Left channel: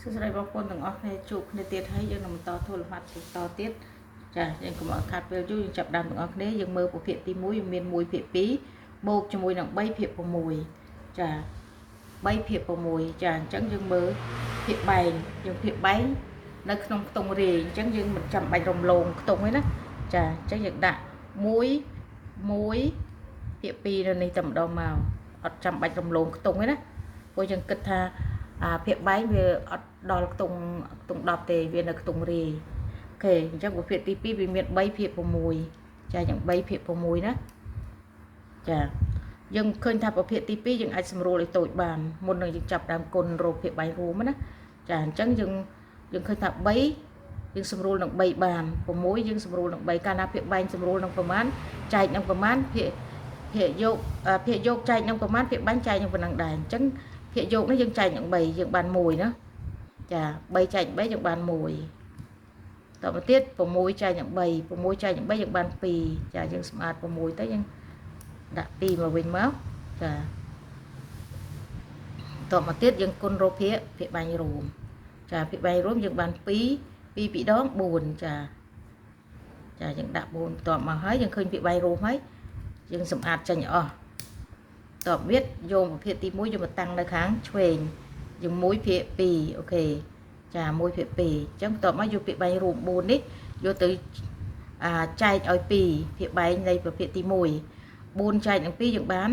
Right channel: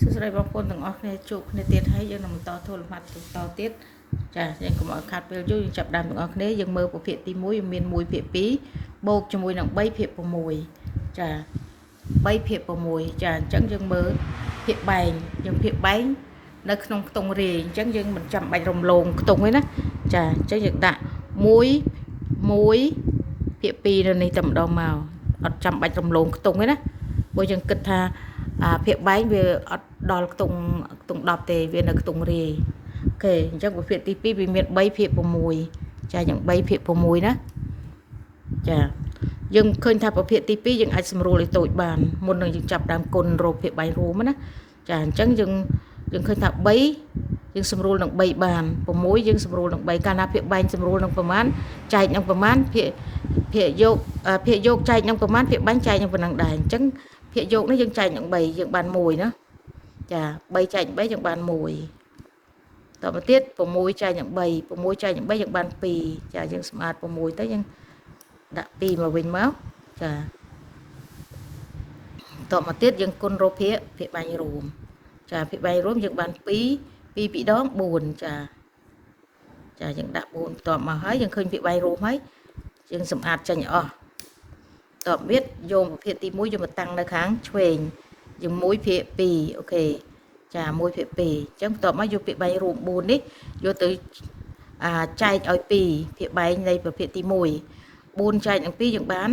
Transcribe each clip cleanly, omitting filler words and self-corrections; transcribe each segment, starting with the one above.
សួស្តីបងប្អូនទាំងអស់គ្នាជួបគ្នាទៀតហើយយើងនឹងបន្តធ្វើលំហាត់តទៀតចាយើងកុំឲ្យខាតពេលយូរយើងចាប់ដើមទាំងអស់គ្នាយើងមើលប្រភេទទី1វាមាន1ភាគ2បូកជាមួយនឹង3ភាគ6ចា3ភាគ6ចាអញ្ចឹងយើងមើលភាគបែងយើងភាគបែងនៅក្នុងខ្ទង់រាយអញ្ចឹងយើងមិនចាំបាច់រំលងខ្ទង់ទេណាចាអញ្ចឹងយើងដាក់1ភាគ2នៅនេះតែម្ដងមកអត់ចាំបាច់រំលងខ្ទង់ទេណាព្រោះយើងគិតថាភាគបែងវាអត់ដល់ខ្ទង់10ទេវានៅខ្ទង់រាយអូខេអញ្ចឹងប្រភេទទី2វាមាន3ភាគ6ចាយ៉ាង3ភាគ6ណាចាយើងឃើញថាប្រភេទទី2យើងអាចសម្រួលឲ្យតូចបានមុននឹងយើងចាប់ដើមគុណរោគភាគបែងរួមណាចាអញ្ចឹងយើងឃើញថា3យើងសម្រួលនឹង3បាន6យើងសម្រួលនឹង3កាលណាភាគបែងសម្រួលនឹងប្រមាណចែកនឹងប្រមាណភាគយកចែកនឹងប្រមាណភាគបែងចែកនឹងប៉ុណ្ណឹងដែរអញ្ចឹងភាគយកនេះយើងចែកនឹង3យើងបាន1ណាចា3ចែក3យើងបាន1តទៅទៀត6ចែកនឹង3 6ចែកនឹង3យើងបាន2ចាយើងស្មើ6ទៅយើងដាក់2មកវិញមកចាតមកទៀតយើងគុណរោភាគបែងរួមចាភាគបែងរួមយើងបាន2 2ដង4ចាយើងដាក់4បន្ទាប់មកហើយយើងឃើញភាគបែងរួមហើយយើងសម្អាតចេញអស់តបទៀតយកប្រភេទទី1យកមកតាំងនៅខាងឆ្វេងយើង1ភាគ2អូខេចា1ភាគ2អញ្ចឹងបន្ទាប់មកយកភាគបែងរួម4នេះយកទៅចែកឲ្យ2ភាគបែងនៃប្រភេទទី1 4ចែកនឹង2យើងបាន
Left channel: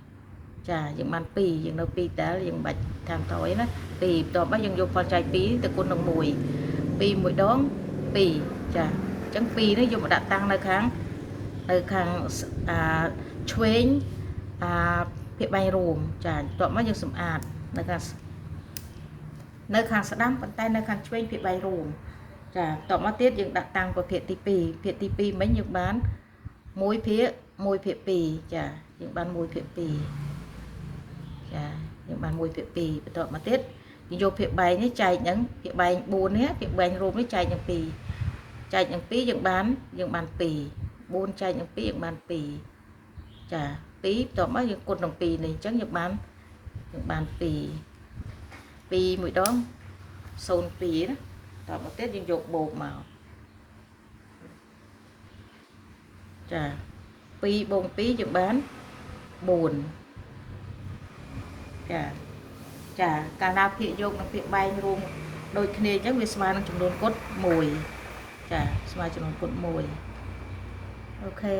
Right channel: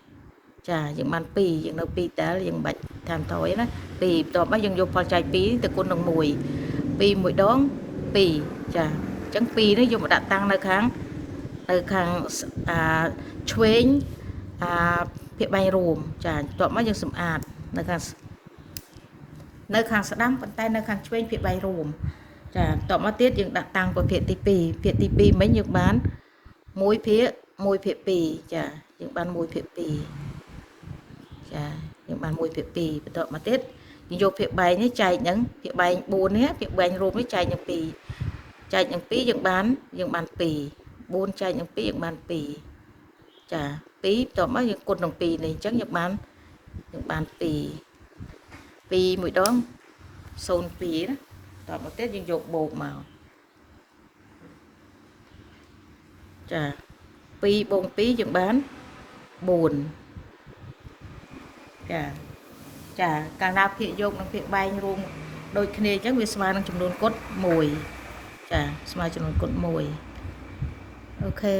2ចាយើងបាន2យើងនៅ2តើយើងបាច់តាមតយណា2បន្ទាប់មកយើងយកផលចែក2ទៅគុណនឹង1 2 1ដង2ចាអញ្ចឹង2នេះយកមកដាក់តាំងនៅខាងឆ្វេងភាគបែងរួមចាបន្ទាប់មកយើងសម្អាតនៅខាងស្ដាំប៉ុន្តែនៅខាងឆ្វេងភាគបែងរួមចាបន្ទាប់មកទៀតយើងដាក់តាំងប្រភេទទី2ភាគទី2មិញយើងបាន1ភាគ2ចាយើងបាន1ភាគ2ចាយើងបាន1ភាគ2បន្ទាប់មកទៀតយើងយកភាគបែងនេះចែកនឹងភាគបែង4នេះភាគបែងរួមនេះចែកនឹង2ចែកនឹង2យើងបាន2 4ចែកនឹង2យើងបាន2ចា2បន្ទាប់មកយើងគុណនឹង2នេះអញ្ចឹងយើងបាន2 1ដង02ណាតមកទៀតយើងយកបូកមកចា2បូក2យើងបាន4ចាកាលណាភាគយកនិងភាគបែងរួមដូចគ្នាអញ្ចឹងវាស្មើនឹងចំនួនគុណ1ចាស្មើចំនួនគុណ1អូខេ